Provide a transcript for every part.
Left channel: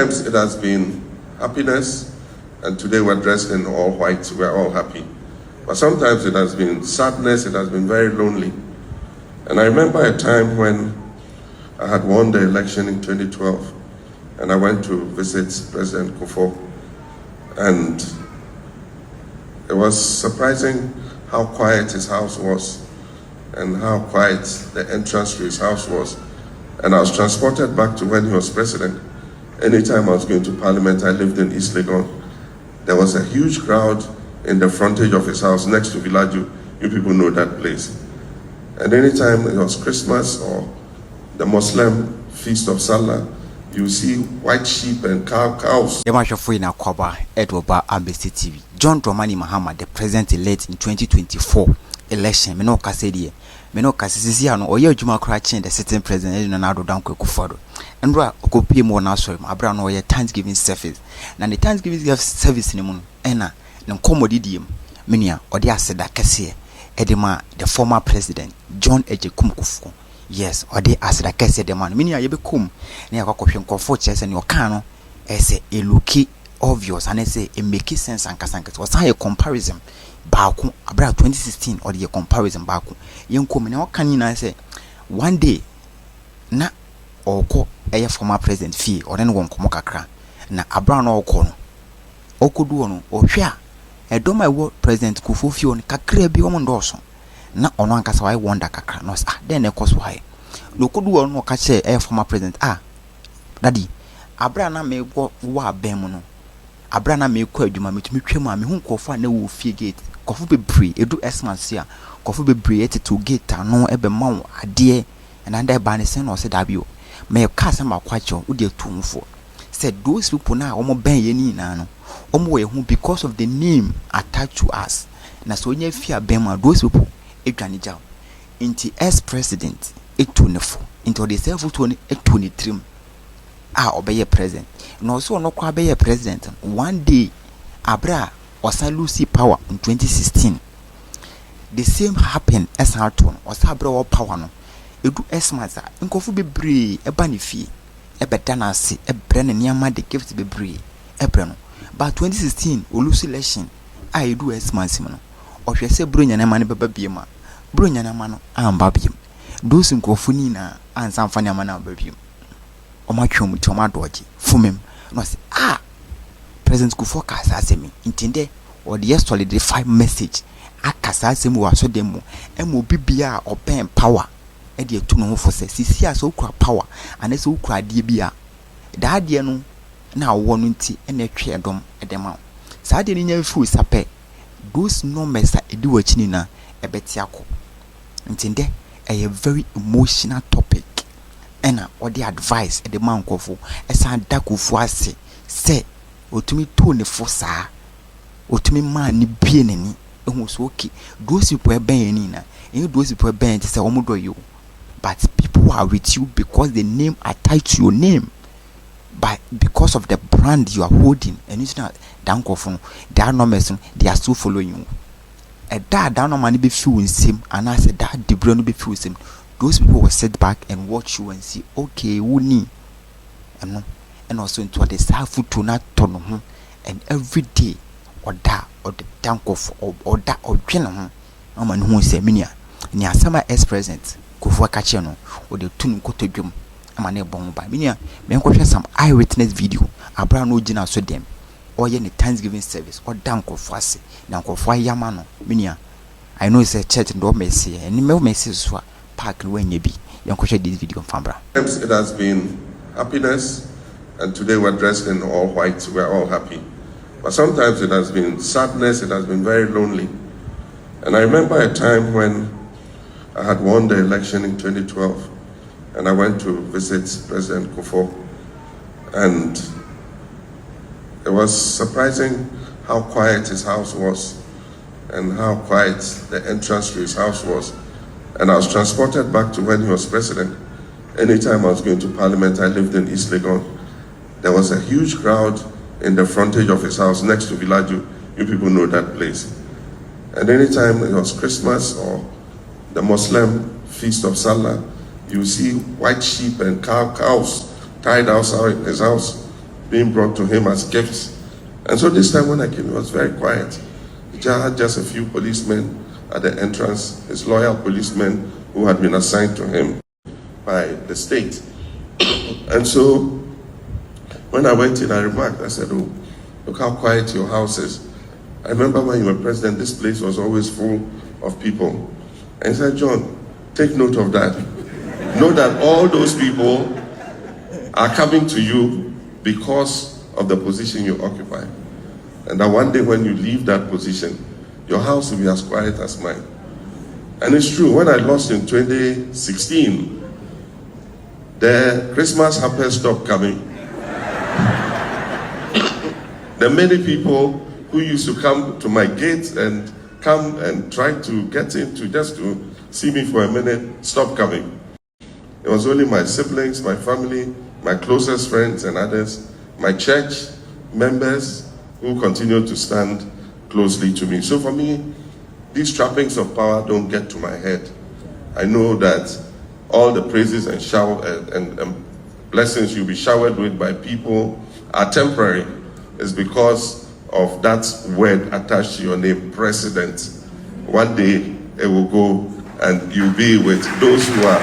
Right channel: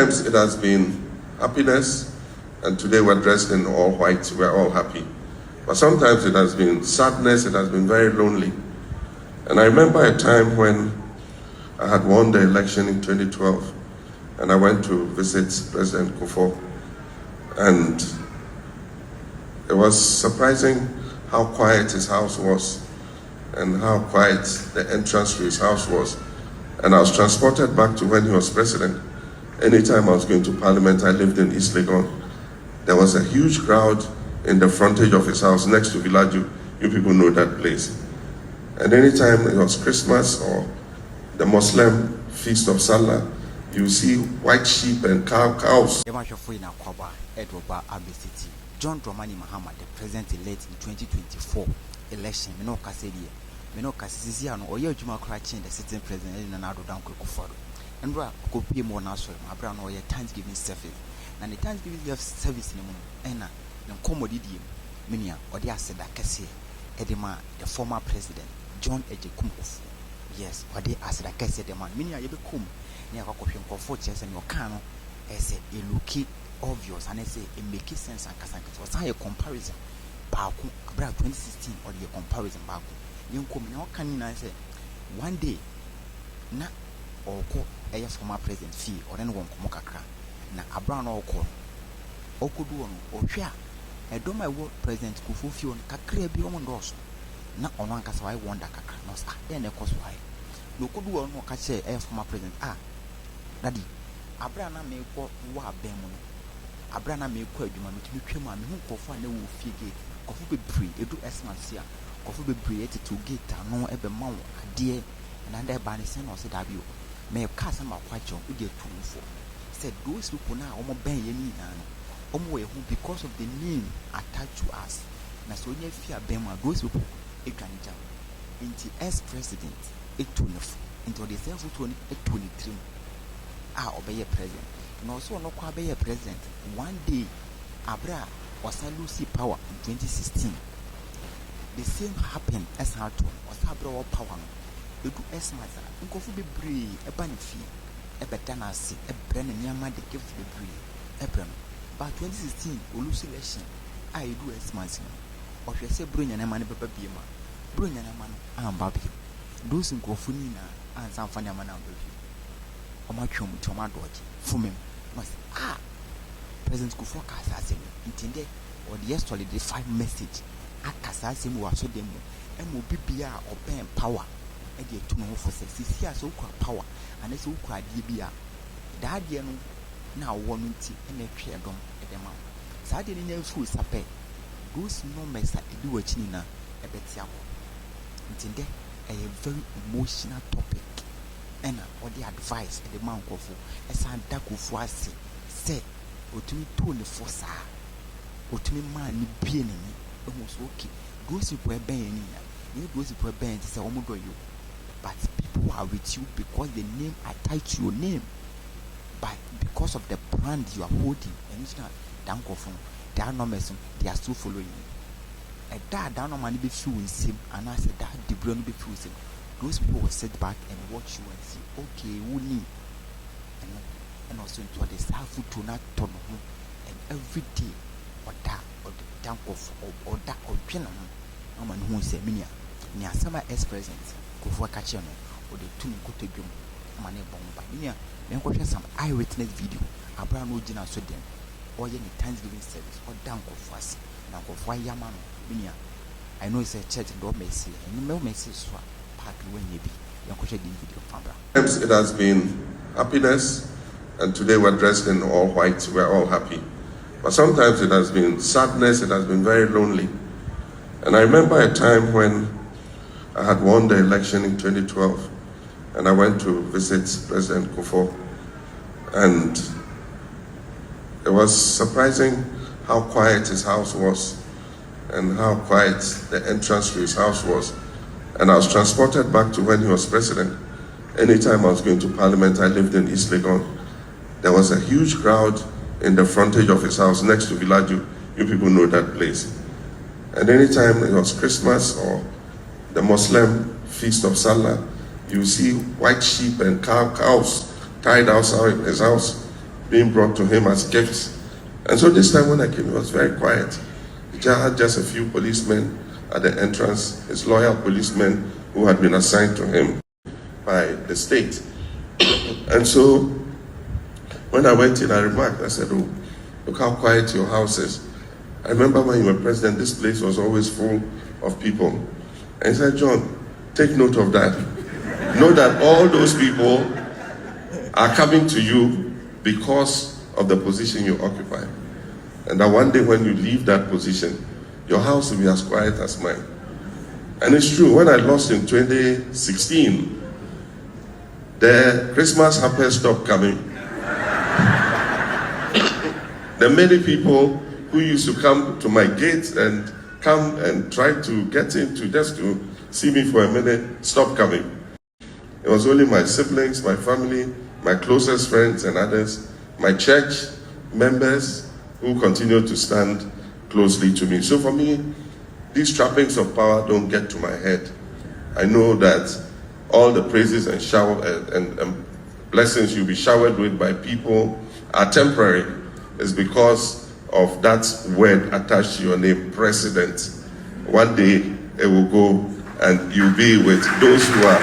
Sometimes it has been happiness, and today we're dressed in all white, we're all happy. But sometimes it has been sadness, it has been very lonely. And I remember a time when I had won the election in 2012, and I went to visit President Kufuor. And it was surprising how quiet his house was and how quiet the entrance to his house was. And I was transported back to when he was president. Anytime I was going to Parliament, I lived in East Legon. There was a huge crowd in the frontage of his house next to Villaju. You people know that place. And anytime it was Christmas or the Muslim feast of Salah, you see white sheep and cows. John Dramani Mahama, the president-elect in 2024 election, me no kase die. Me no kase sisi ano oye adwuma kra chen the sitting president na Agyekum Kufuor. Ndra okopi mo na so abra no oye Thanksgiving service. Na the Thanksgiving service ni mu na nkomodidiem menia ode aseda kase edema the former president John Agyekum Kufuor. Yes, ode aseda kase de man menia yebekum na yakwakohwe nkofo chese ne oka no ese eluki obvious and say it make sense and kasanket was a comparison baku abra 2016 or the comparison baku yenko me na kan na say one day na oko eye former president fee or then won komo kakra na abra na oko no okodu no ohwe a edo my world president Kufuor fee on kakra bi o ndoso na ono ankasa why wonder kakra no then e koso high no kodu no ka che eye former president daddy abra na me wo wa ben mu no abra na me kwa adwuma metumi twam a me hu nkofo na wo fie gate kofo bebre edu esmans a kofo bebre etetu gate ano ebe ma wo ade and under ba ne sen no se dabio me ka se makwacho wo de tumfo said those people na omo ben ye ni na no omo we hu because of the name attached to us na so nya fie ben ma those people edwane jaw inti ex president etunefo into the self to etuni obeye president no so no kwa be president one day abra osa lose power in 2016 the same happened as Harton osa abra wo power no edu esmaza nkofu bebre eba ne fie ebeda na ase ebre ne niama de gift bebre ebre no but 2016 o lose election edu esmaza no ohwe se bronya na ma ne beba biema bronya na ma no amba biem those nkofu ni na ansa mfa ne ma na babiem omatwom toma doji fumem no say president Kufuor kasa asemi intinde or the solidify message akasa asemi wa so dem emo bibia open power e de etu no fo se sisi aso ukura power anese ukura de bia da de no na wo no nti na twe edom edema sa de ni nya fu sape those numbers a edi wachini na ebeti akọ intinde a very emotional topic ena or the advice the man Kufuor esan da Kufuor ase se otumi to ne fosa otumi man ni bie nani ehun so okay those people ben ni na those people ben say omodo you but people are with you because the name attached to your name but because of the brand you are holding and it's not dan Kufuor that numbers they are still following you that no man be feel same and I said that the brand be feel same. Those people will sit back and watch you and see, okay, who need and also into the self to not turn and every day or that or the tank of or that or general man who say minia near summer ex president Kufuor Kacheno or the tune koto drum amane bon by minia men question some eyewitness video abra no gina so them or any Thanksgiving service or dank of fast now Kufuor yamano minia I know it's a church and don't mercy and no mercy so when you be this video from It has been happiness, and today we're dressed in all white, we're all happy. But sometimes it has been sadness, it has been very lonely. And I remember a time when I had won the election in 2012, and I went to visit President Kufuor. And it was surprising how quiet his house was and how quiet the entrance to his house was. And I was transported back to when he was president. Anytime I was going to Parliament, I lived in East Legon. There was a huge crowd in the frontage of his house next to Villaju. You people know that place. And anytime it was Christmas or the Muslim feast of Salah, you see white sheep and cows tied outside his house. being brought to him as gifts. And so this time when I came, it was very quiet. He had just a few policemen at the entrance, his loyal policemen who had been assigned to him by the state. And so when I went in, I remarked, I said, oh, look how quiet your house is. I remember when you were president, this place was always full of people. And he said, John, take note of that. Know that all those people are coming to you because of the position you occupy. And that one day when you leave that position, your house will be as quiet as mine. And it's true, when I lost in 2016, the Christmas hampers stopped coming. There are many people who used to come to my gate and come and try to get in to just to see me for a minute, stop coming. It was only my siblings, my family, my closest friends and others, my church members who continued to stand closely to me. So for me, these trappings of power don't get to my head. I know that all the praises and blessings you'll be showered with by people are temporary. It's because of that word attached to your name, president. One day it will go and you'll be with those who are.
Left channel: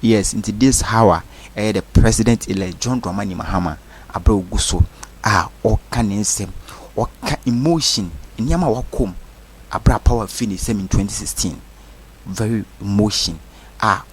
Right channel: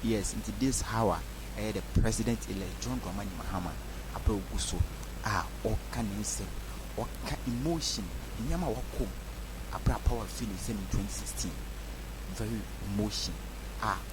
Yes, into this hour, the president-elect John Dramani Mahama Abreu Guso, or can or emotion in Yama Wakom, Abra Power finish in 2016. Very emotion.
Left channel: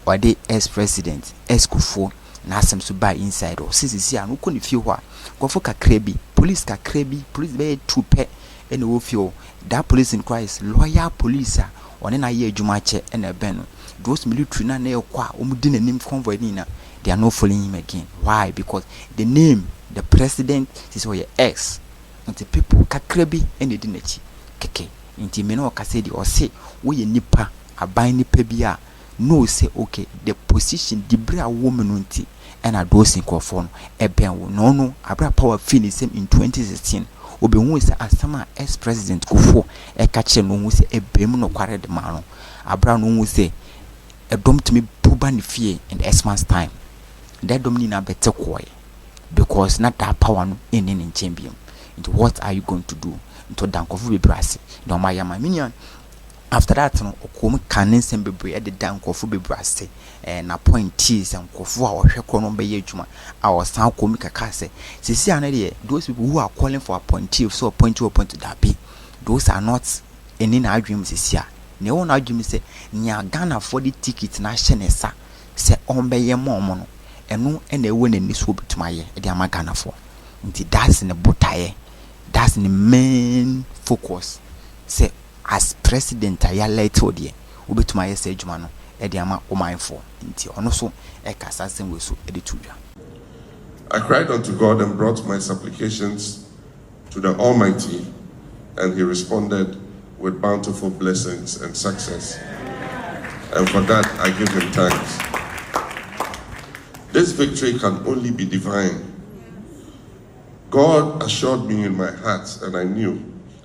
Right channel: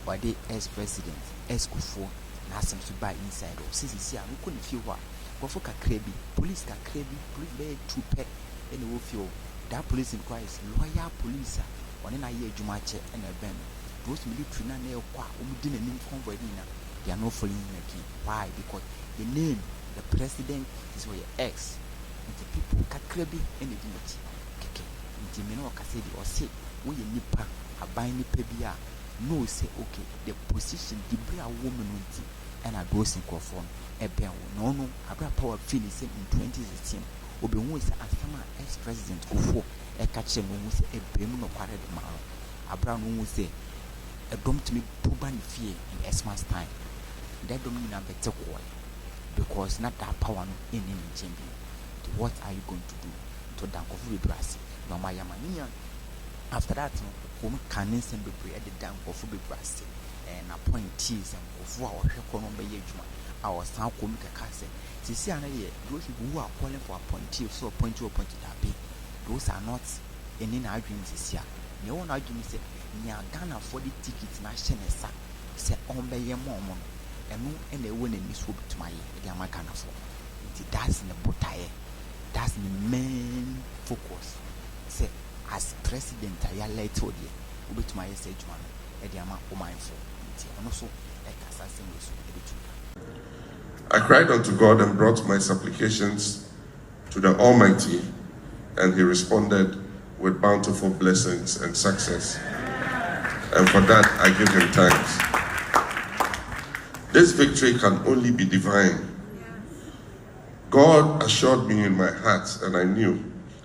Or they ex-president, ex-Kufuor. Na asem so buy inside or sisi anu ko ne fie ho a gofo kakra bi police be trupe ene wo fie that police in Christ loyal police a one na ye adwuma che ene ben no those military na ekwa omudi nanim convoy ni na they are not following him again. Why? Because the name the president is your ex and the people kakra bi ene di nachi keke nti me no ka say di o say wo ye nipa aban nipa bi a no say okay the position the bra woman unti and a dosing cofon a ben no abra power finish in 2016 obi hu say asama ex president Kufuor e ka che no hu say e bem no kware de ma no abra no hu say e dom to me puba ne fie in the Xmas time that dom ni na bete koy because not that power no in champion. What are you going to do to dankofu be brasi no my minion. After that, no, come canin sembe at the down coffee be brassy and appointees and coffee or shekono be yejuma. Our sound comic case. See, those people who are calling for appointee, so appoint to that be. Those are not any arguments this year. No one argument say, Nia Ghana for the ticket, national sa, say on be ye mono, and no any win in this will be to my year, the Ghana for. That's in the botaye. That's in the main focus. Say, as president I let told you to my say jumano e de ama o mindful nti ono so e kasa sen we so e de tuya. I cried unto God and brought my supplications to the Almighty, and he responded with bountiful blessings and success, and for that I give him thanks. This victory can only be divine. God assured me in my heart, and I knew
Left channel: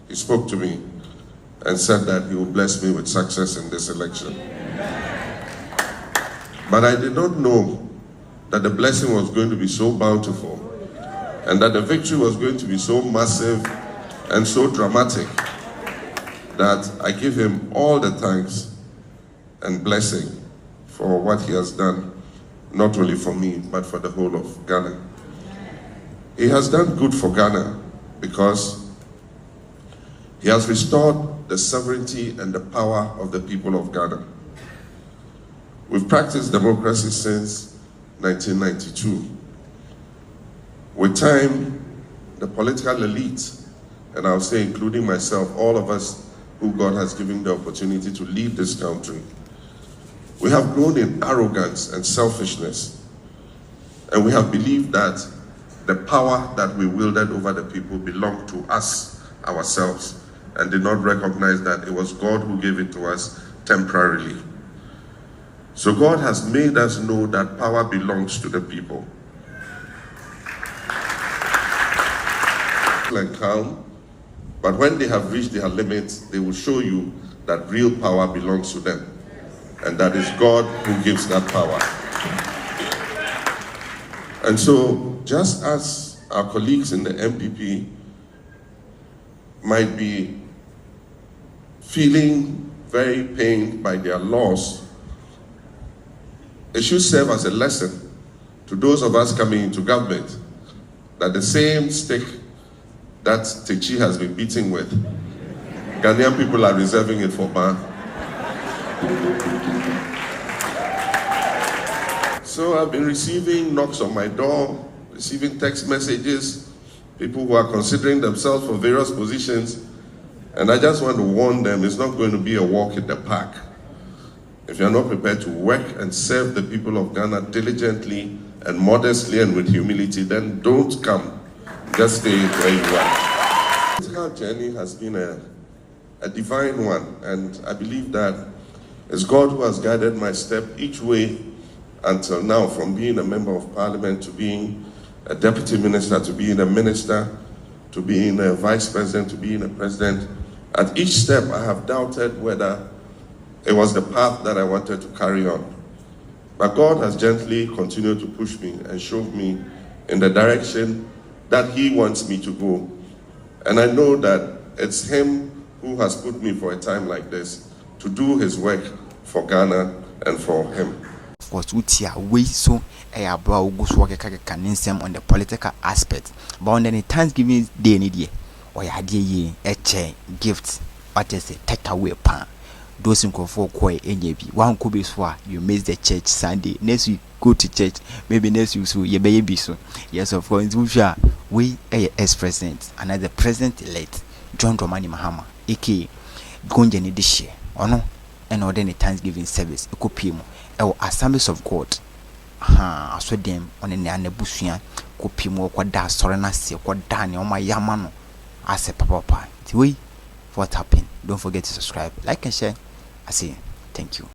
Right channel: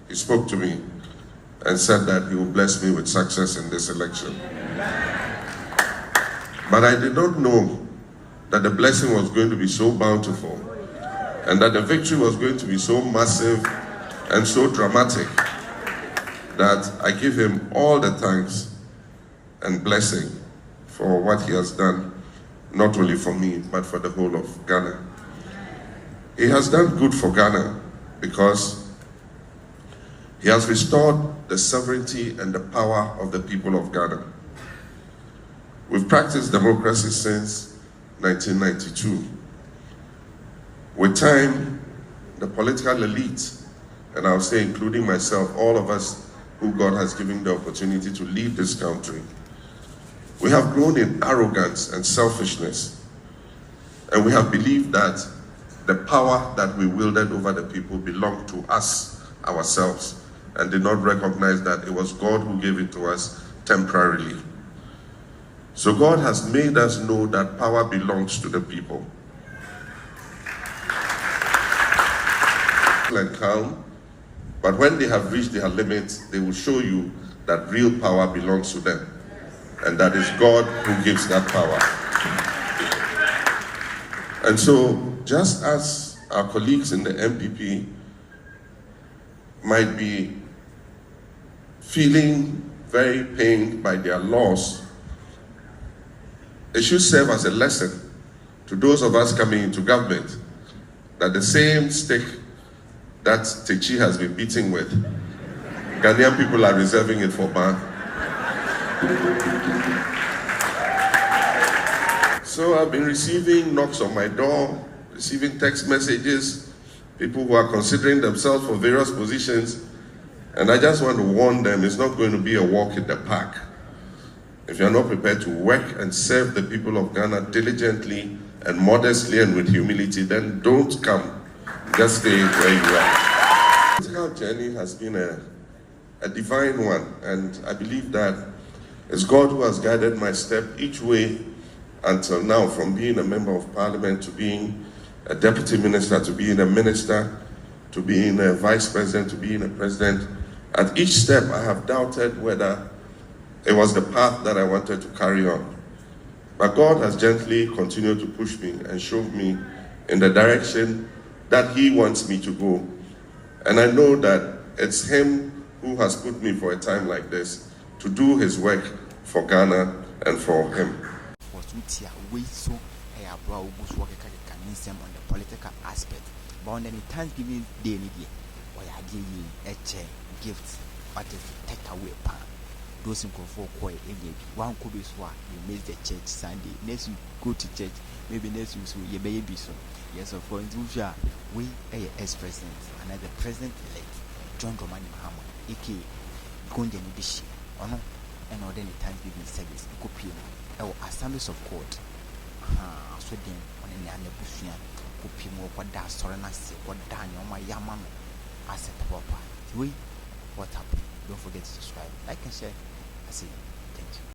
he spoke to me and said that he will bless me with success in this election. But I did not know that the blessing was going to be so bountiful and that the victory was going to be so massive and so dramatic that I give him all the thanks and blessing for what he has done, not only for me, but for the whole of Ghana. He has done good for Ghana because he has restored the sovereignty and the power of the people of Ghana. We've practiced democracy since 1992. With time, the political elite, and I'll say including myself, all of us who God has given the opportunity to lead this country, we have grown in arrogance and selfishness. And we have believed that the power that we wielded over the people belonged to us, ourselves, and did not recognize that it was God who gave it to us temporarily. So God has made us know that power belongs to the people. And calm, but when they have reached their limits, they will show you that real power belongs to them. And that is God who gives that power. And so, just as our colleagues in the MPP might be feeling very pained by their loss, it should serve as a lesson to those of us coming into government that the same stick that Techi has been beating with, Ghanaian people are reserving it for Ba. So I've been receiving knocks on my door, receiving text messages, people who are considering themselves for various positions, and I just want to warn them, it's not going to be a walk in the park. If you're not prepared to work and serve the people of Ghana diligently and modestly and with humility, then don't come. Just stay where you are. This whole journey has been a divine one, and I believe that it's God who has guided my step each way until now, from being a member of parliament to being a deputy minister, to being a minister, to being a vice president, to being a president. At each step, I have doubted whether it was the path that I wanted to carry on. But God has gently continued to push me and show me in the direction that He wants me to go. And I know that it's Him who has put me for a time like this to do His work for Ghana and for Him. Was Utia way so a brow goes work on the political aspect. But on any Thanksgiving Day, or ya dear a chair, gift, what is it, take away pan. Those in Kufuor Koi NAB. One could be swore you miss the church Sunday. Next week go to church. Maybe next week so you baby so. Yes, of course, we ex president, another president elect, John Dramani Mahama, aka Gonjani this year, or no, and ordinary Thanksgiving service, a copy or Assemblies of God. I saw them on a Busian, copy more what does Sorenasi, what Daniel, my Yamano. I said, Papa, we what happened? Don't forget to subscribe, like, and share. I say, thank you.